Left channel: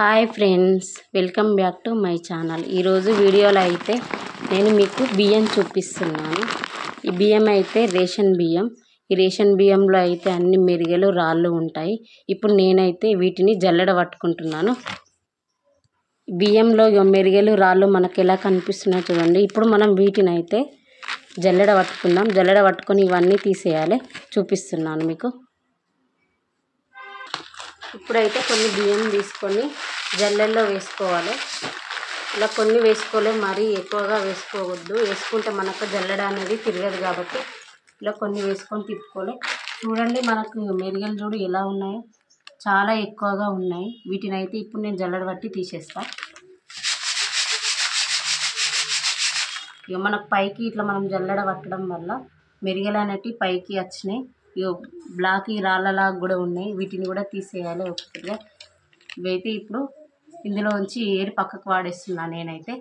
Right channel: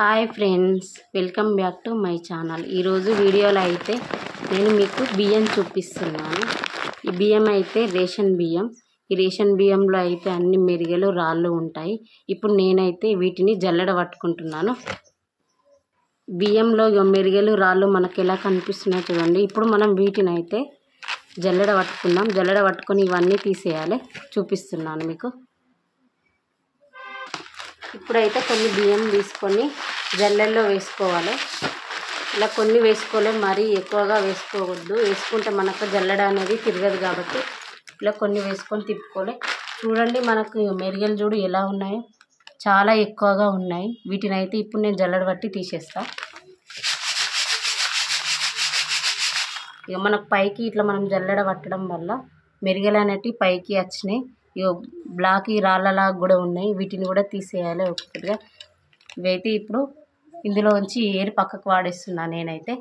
Hi friends, welcome back to my channel. ఈరోజు వీడియోలో అయితే నేను మీకు బియ్యం చూపిస్తున్నాను. ఈ బియ్యం అయితే రేషన్ బియ్యం. ఈ రేషన్ బియ్యంలో అయితే అన్ని మెరిగలు రాళ్ళు ఉంటాయి. ఇప్పుడు నేనైతే వీటిని జల్లెడ పట్టుకుంటున్నాను. బియ్యంలో మెరిగలు రాళ్ళు మనకు ఎలా కనిపిస్తున్నాయో చూడండి. ఇప్పుడు మనం వీటిని అయితే జల్లెడ పట్టుకుందాం. జల్లెడ పట్టుకొని ఇవన్నీ తీసేయాలి. చూపిస్తున్నాను మీకు. ఇప్పుడైతే కొన్ని బియ్యం తీసుకొని జల్లెల్లో వేసుకోవాలి. ఇలా కొన్ని వేసుకోవాలి, మరీ ఎక్కువగా వేసుకోవద్దు. వేసుకుంటే మనకు జల్లెడ అనేది తిరగదు కాబట్టి ఇలా కొన్ని వేసుకొని తిప్పుకోవాలి. చూడండి, మనకు మెరిగలు చూడు ఎలా ఉన్నాయో, చాలా ఎక్కువగా ఉన్నాయి. వీటిని అయితే ఇప్పుడు నేను జల్లెడ పట్టి తీసేస్తా. ఇక మనకు పైకి ఇట్లా మనం జల్లెడ పట్టడం వల్ల మెరిగలు అనేటివి పైకి వచ్చినాయి. బ్లాక్ రాళ్ళలాగా కూడా ఉన్నాయి. వీటిని కూడా తీసేయాలి ఒక్కొక్కటిగా. ఇవైతే ఇప్పుడు ఇందులోంచి ఏరు పక్కకు వాడేస్తున్నాను నేనైతే.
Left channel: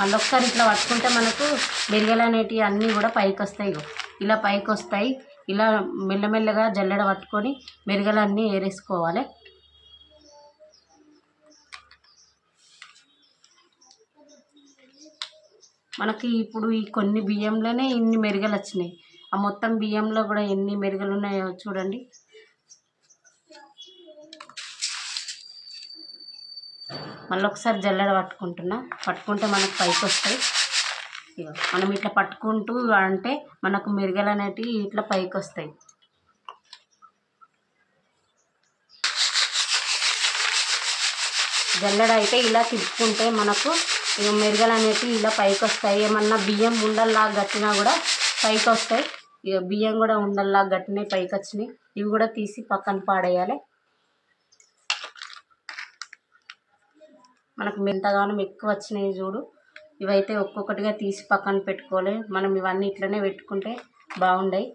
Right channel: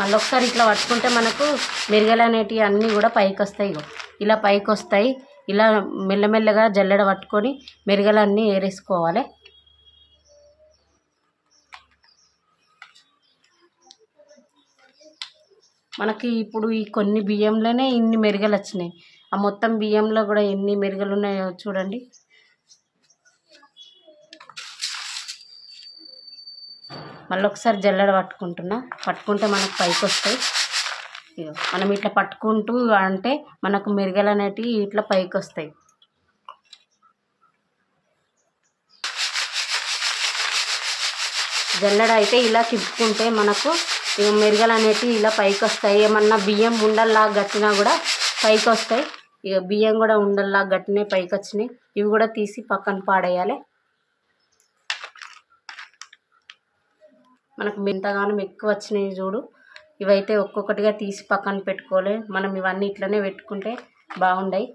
మళ్ళొక్కసారి ఇట్లా పట్టుకుంటే మనకు మెరిగలు అనేటివి అన్నీ కూడా పైకి వస్తాయి. ఇలా పైకి వస్తాయి. ఇలా మెల్లమెల్లగా జల్లెడ పట్టుకొని మెరిగలన్నీ ఏరేసుకోవాలి. మనకి ఇప్పుడు ఈ కొన్ని బియ్యంలోనే ఇన్ని మెరిగలు వచ్చినాయి. ఆ మొత్తం బియ్యంలో కూడా ఎన్ని మెరిగలు ఉన్నాయో చూడండి. మళ్ళీ ఒకసారి జల్లెడ పట్టుకుంటే మనకు పైకి వస్తాయి. మనం ఇట్లా పట్టుకుంటూ అంటే మనకు మెరిగలు అనేటివి ఇట్లా పైకి వస్తాయి. జల్లెడ అయితే ఇలా తిప్పుకుంటే మనకు మెరిగలు అనేటివి ఇలా పైకి వస్తాయి. ఏమన్నా బియ్యం ఉండల్లాగా గట్టినా కూడా పైకి వస్తాయి. ఇక బియ్యం కూడా ఉండల్లాగా గట్టినే పైకి వచ్చినాయి. ఇవి కూడా తీసి పక్కన పాడేయాలి. మనకు ఎంతగానో ఎక్కువ వచ్చినాయి చూడు. ఇవైతే ఒక్కొక్కటిగా తీసి పక్కన పెట్టుకోవాలి. మనం ఇవన్నీ ఇట్లనే పెట్టుకుంటే బాగుండాయి.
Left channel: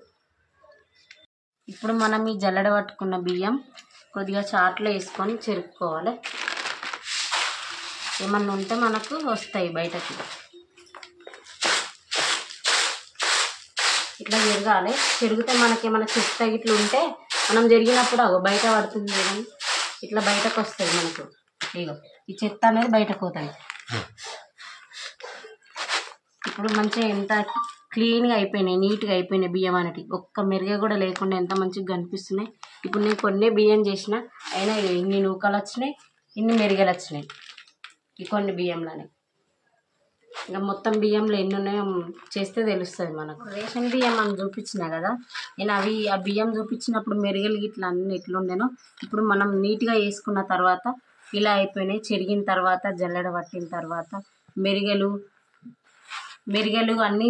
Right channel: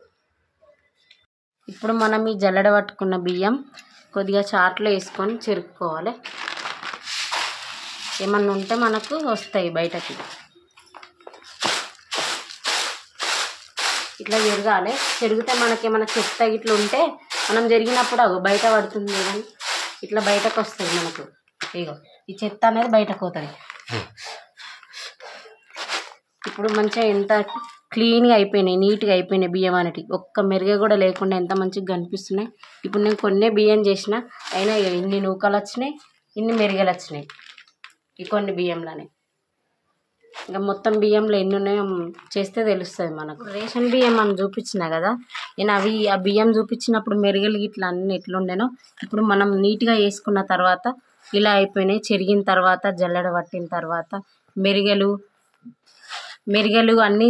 ఇప్పుడు మనం ఈ జల్లెడ పట్టుకున్న బియ్యం కొద్దిగా చాట్లో వేసుకొని చెరుపుకోవాలి. ఏమన్నా ఉంటే మనకు వస్తాయి బయటకి. ఇట్లా జరగాలి. చెరిగితే మనకేమైనా చెత్త ఇట్లా ఉంటే మనం జరిగినప్పుడు బయట పడుతుంది కానీ ఇట్లా బయటకు వస్తుంది మనకు. ఇగో ఈ చెత్త అనేది బయటకు పోతుంది. ఇప్పుడు మంచిగా ఎంత క్లీన్గా అయిపోయినాయి, నీట్గా అయిపోయినాయి బియ్యం అనేటివి. ఒక్క మెరుగ కూడా లేకుండా ఎంత మంచిగా కనిపిస్తున్నాయి. ఇప్పుడు నేను కొన్ని బియ్యం చేసిన అయినా ఇన్ని నూకలు వచ్చినాయి, ఇన్ని మెరుగలు వచ్చినాయి ఈ కొన్ని బియ్యంలోనే. ఇంకా మొత్తం బియ్యంలో ఎన్ని ఉన్నాయో చేస్తే తెలుస్తుంది మనకు. రేషన్ బియ్యం మనం చూపించిన కదా, నేను ఆ బియ్యం చూపించినప్పుడు మెరుగలు ఇట్లా అన్నీ ఎట్లుండేనో ఇప్పుడు మనం నీట్గా వేసుకున్న తర్వాత ఇలా అయిపోయినాయి. చెరిగిన తర్వాత జల్లెడ పట్టిన తర్వాత మెరుగలు అన్నీ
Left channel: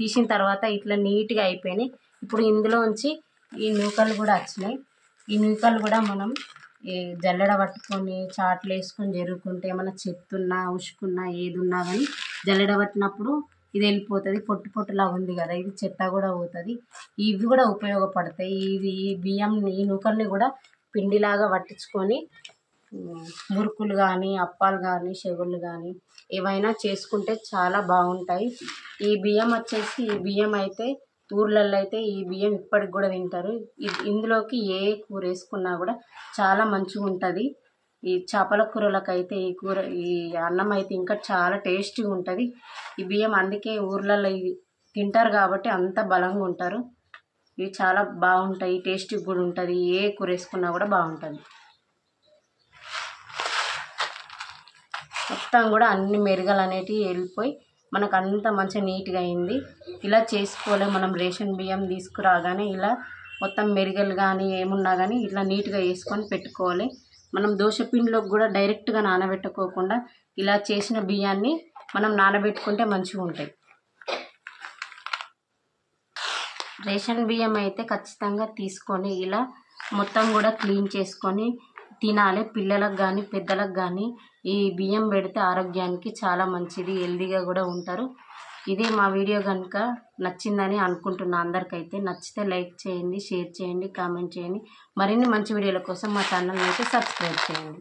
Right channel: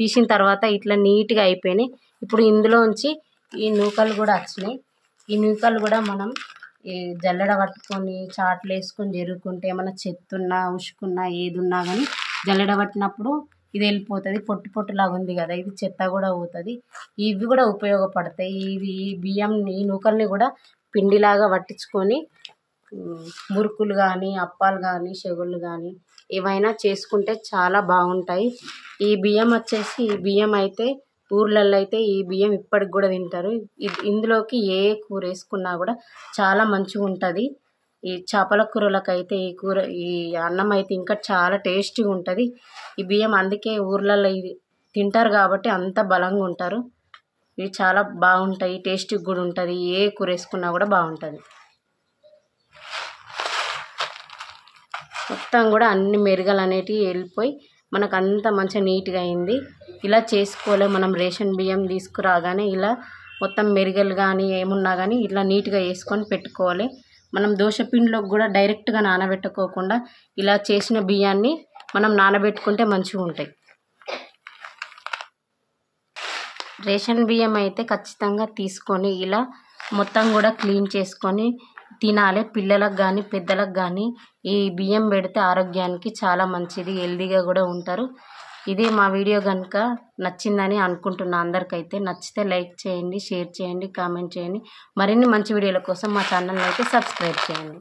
తీసిన తర్వాత ఇట్లా నీట్గా అయిపోయినాయి. ఇప్పుడు ఇందులోంచి ఈ నూకలు కూడా వచ్చినాయి. ఈ నూకలు కూడా మనం ఈ జల్లెడ పట్టుకొని చాట్లు వేసుకొని జరుగుకుంటే ఏమైనా చెత్తున్నా ఉసుకున్నా ఏది ఉన్నా కానీ జల్లెడ పట్టినప్పుడు ఇది వెళ్ళిపోతుంది. పొట్టులాగా ఉంది కదా, ఇది చెత్త కూడా పోతుంది. ఇవి కూడా ఉపయోగపడతాయి. ఈ బియ్యం ఈ నూకల్ని కూడా పిండిలాగా పట్టించుకొని మురుకులు కానీ అప్పాలు కానీ చెగుళ్ళు కానీ ఏవైనా చేసుకుంటే చాలా బాగుంటాయి. ఈ బియ్యం అయితే ఊర్లలో అయితే ఈ బియ్యం ఇప్పటికి కూడా తింటారు. ఇందులోకి ఏ కూర వేసుకున్నా కూడా చాలా మంచిగా ఉంటుంది. ఈ చేపల కూరలకైతే ఈ అన్నం అయితే ఇంకా చాలా టేస్టీగా ఉంటుంది. ఈ బియ్యం అందుకే ఊర్లలో ఇది తింటారు కాబట్టి అంత బలంగా ఉంటారు. ఇవి చాలా బాగుంటాయి, టేస్టీగా కూడా ఉంటుంది. ఏ కూర వేసుకున్నా కూడా బాగుంటుంది. మొత్తం కూడా అన్ని మెరుగలు అనేటివి వెళ్ళిపోయి మనకు అంత మంచిగా నీట్గా అయింది. ఇలా చేసుకోవాలి. మనం రేషన్ బియ్యం తీసుకురాగానే ఇలా మొత్తం మెరుగలు కానీ ఏమున్నా కానీ ఇట్లా నీట్గా వేసుకొని పెట్టుకోవాలి. మనం దోశపిండిలోకి కూడా డైరెక్ట్గా నానబెట్టుకోకుండా ఇలా చేసిన బియ్యాన్ని మనం నానబెట్టుకుంటే మంచిగా ఉంటాయి. రేషన్ బియ్యం అయితే ఖచ్చితంగా తీసుకొని ఇలా మొత్తం కూడా క్లీన్ చేసుకొని తినాలి. పిల్లలకు కానీ పెద్దలకు కానీ ఈ బియ్యం పెడితే ఆరోగ్యానికి చాలా మంచిది, హెల్దీగా కూడా ఉంటారు. ఇదే మా వీడియో కనుక నచ్చిందని అనుకుంటున్నా. అందరికైతే నచ్చితే లైక్ చేయండి, షేర్ చేయండి, కామెంట్ చేయండి. మరిన్ని మంచి వీడియోల కోసం మా ఛానల్ని అయితే సబ్స్క్రైబ్ చేయండి.